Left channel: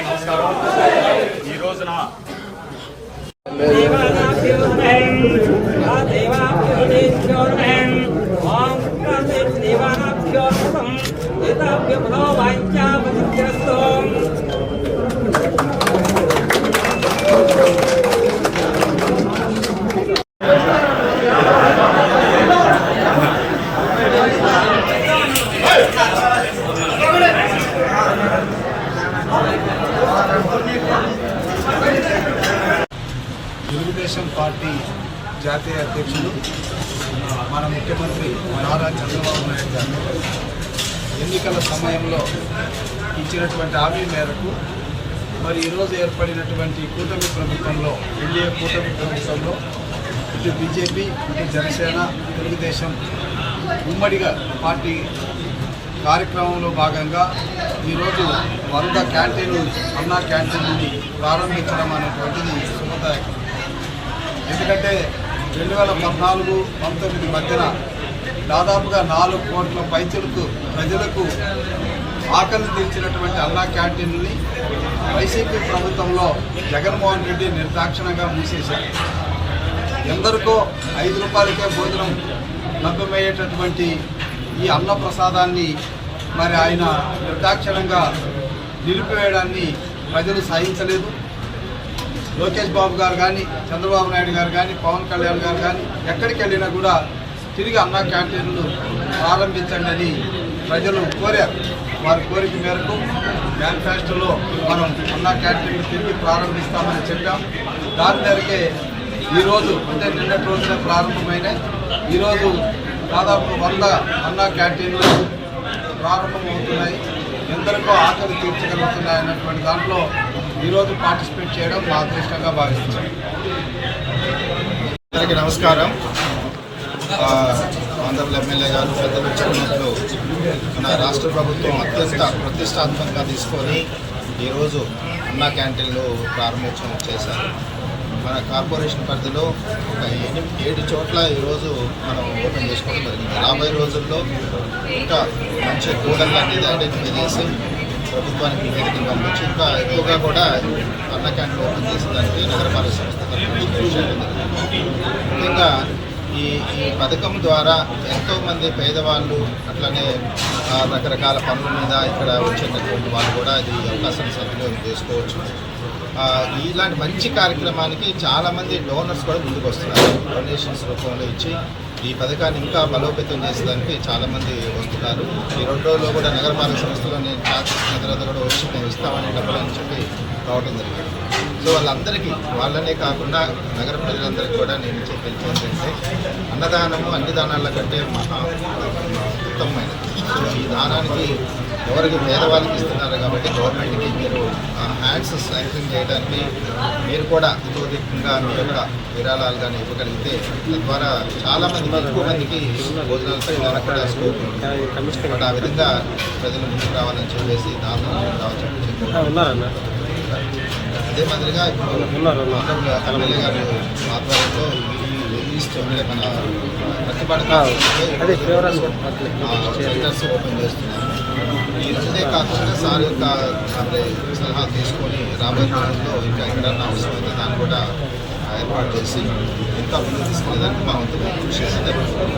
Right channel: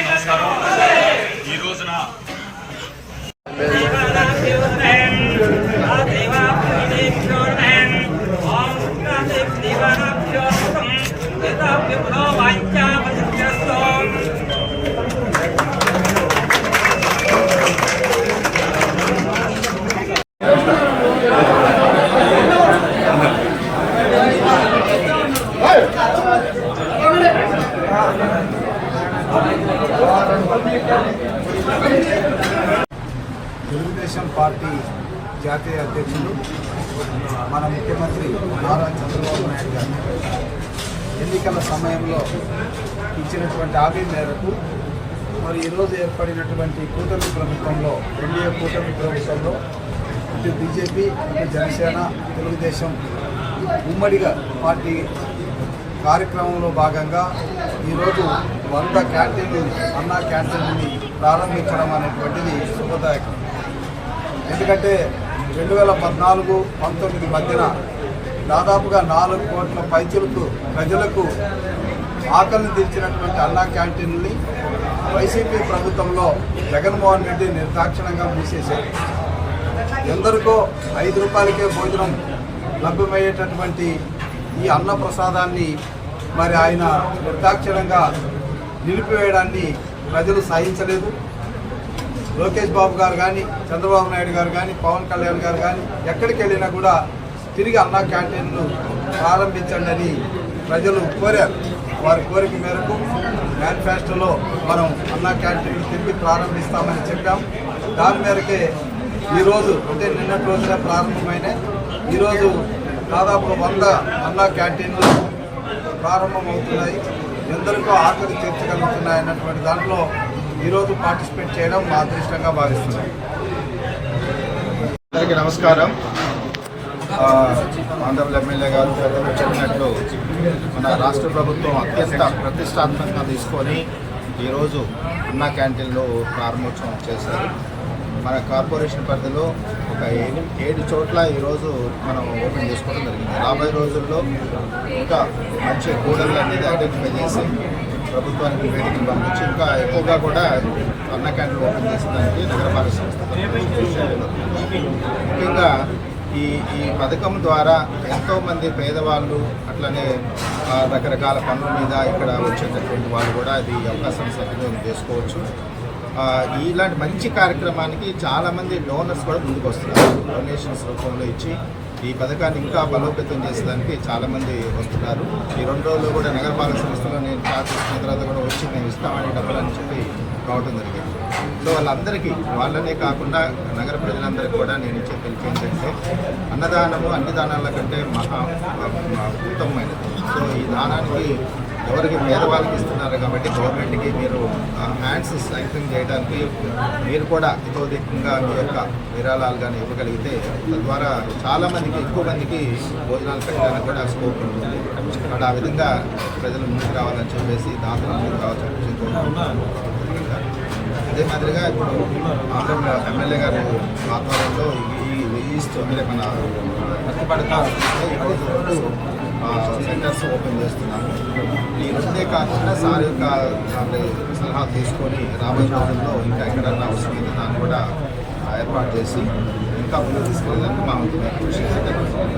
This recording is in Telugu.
నమస్కారం. ఈ రోజున తెలుగుదేశం పార్టీ జాతీయ అధ్యక్షులు మన ముఖ్యమంత్రి నారా చంద్రబాబు నాయుడు గారు ఎన్నికల సమయంలో ఇచ్చినటువంటి హామీ మేరకు మరి ఈరోజు ఏర్పడినటువంటి కూటమి ప్రభుత్వంలో ఎన్డీఏ కూటమి ప్రభుత్వంలో ఇటు బీజేపీ ఇటు జనసేన తెలుగుదేశం ఉమ్మడిగా పార్టీ కార్యక్రమంలో భాగంగా ఈరోజు 100 క్యాంటీన్లు అన్నా క్యాంటీన్లని ప్రారంభించడం అనేటువంటిది శుభదాయకం. ఎందుకంటే 2014-19 మధ్యన దాదాపుగా 4 కోట్ల పైచలకు ప్రజలకు ఆకలిని తీర్చినటువంటి అన్నా క్యాంటీన్లని వైసీపీ ప్రభుత్వంలో జగన్మోహన్ రెడ్డి నిర్దాక్షిణంగా మూసేశారు. ఎందరికో 5 రూపాయలకే భోజనం లభ్యమయ్యేటటువంటి ఈ అన్న ప్రసాదాన్ని మరి ఆయన నిర్దాక్షిణంగా నిలిపివేయడాన్ని ప్రజలు సహించలేదు. లోకేష్ బాబు గారు కానీ, చంద్రబాబు నాయుడు గారు కానీ, పవన్ కళ్యాణ్ గారు కానీ ఎక్కడికి వెళ్ళినా కూడా తిరిగి అన్నా క్యాంటీన్లు ప్రారంభించండి అని ప్రజలు కోరారు. వారి కోరిక మేరకు మేనిఫెస్టోలో మనం అన్నా క్యాంటీన్లు తిరిగి ప్రారంభిస్తామని చెప్పాం. దాని మేరకే ఈరోజు అంటే నిన్నటి రోజున ప్రారంభమైనాయి. ఈరోజు దాదాపు 100 అన్నా క్యాంటీన్లు ప్రారంభమవుతున్నాయి. ఎందరికో ఆకలి తీర్చగలుగుతున్నాయి అన్నటువంటి దాంట్లో ఈరోజు పార్టిసిపేట్ చేయడం మా అదృష్టంగా భావిస్తున్నాం. అందరికీ నమస్కారం. ఆంధ్రప్రదేశ్ ఎమ్మెల్యే గారు పెద్దలు చెప్పినట్లు మన రాష్ట్ర ప్రభుత్వం అత్యంత ప్రతిష్టాత్మకంగా తీసుకొని ఈరోజు అన్నా క్యాంటీన్లో ప్రారంభోత్సవం చేశారు. మన కార్పొరేషన్ పరిధిలో ఒక 7 చోట్ల ఈరోజు మనం ఓపెన్ చేసుకోవడం జరిగింది. రాబోయే రోజుల్లో ఇంకా మంచి కూడళ్ళు అనేది ఐడెంటిఫై చేసి ప్రభుత్వానికి నివేదికలు పంపించి ఇంకా ఎక్కువగా కూడా అన్న క్యాంటీన్ ఓపెన్ చేసేదానికి నగరపాలక సంస్థ కృషి చేయడం జరుగుతుంది. ముఖ్యంగా ఈ పథకం ద్వారా ఎంతోమంది పేదవాళ్ళు అట్లనే రకరకాల పనుల మీద ఇక్కడ వచ్చేటటువంటి వాళ్ళు కూడా ఇది అవకాశాన్ని సద్వినియోగం చేసుకోవచ్చు. ఇలాంటి మంచి కార్యక్రమానికి చాలామంది డోనర్స్ కూడా ముందుకు వస్తున్నారు. డొనేషన్స్ రూపంలో ఇచ్చి ఈ పథకాన్ని ఇంకా బలోపేతం చేసేదానికి చాలామంది వస్తున్నారు. ఈ 2 రోజుల్లో కూడా నగరపాలక సంస్థలో నేను ఛార్జ్ ఇచ్చిన తర్వాత కూడా వచ్చి మేము ఇస్తామని డబ్బులు అని చెప్పి రావడం జరిగింది. సో వాళ్ళందరికీ వాళ్ళనే కాకుండా నగర ప్రజలందరికీ కూడా నేను ఇచ్చే పిలుపు ఏంటంటే అన్నదానము అన్ని దానాల కంటే మహా ఉత్తమమైనది. సో ఈ దానానికి ఎవరికి పేదవాళ్ళకి ఇస్తున్నారు కాబట్టి గవర్నమెంట్కి మీరు హ్యాండ్స్ శాంక్షన్ చేయడానికి మీరు కూడా ఇతోధికంగా మీ యొక్క విరాళాలు కానీ ఇవ్వగలిగితే తద్వారా చాలామందికి ఎక్కువ మందికి భోజనాలు పెట్టడానికి కూడా స్కోప్ ఉంటుంది. కాబట్టి ఆ విధంగా ప్రజలు ముందుకు రావాలని చెప్పేసి దాంట్లో ముందుకు రావాలని చెప్పి అదే మాదిరిగా ఇప్పుడు ఎమ్మెల్యే గారు ఆధ్వర్యంలో అంటే మన ప్రతిపాడుగా సెంటర్స్ ఓపెన్ చేస్తున్నారు. ఈ రోజునే కాకుండా సార్ యొక్క సలహాలు తీసుకొని రాబోయే రోజుల్లో ఇంకా ఎక్కడన్నా అవసరమైతే దాన్ని కూడా ఏర్పాటు చేసి ఇంకా ముందుకు తీసుకెళ్ళేదానికి మా వంతు మేము కృషి చేసి జరుగుతుంది.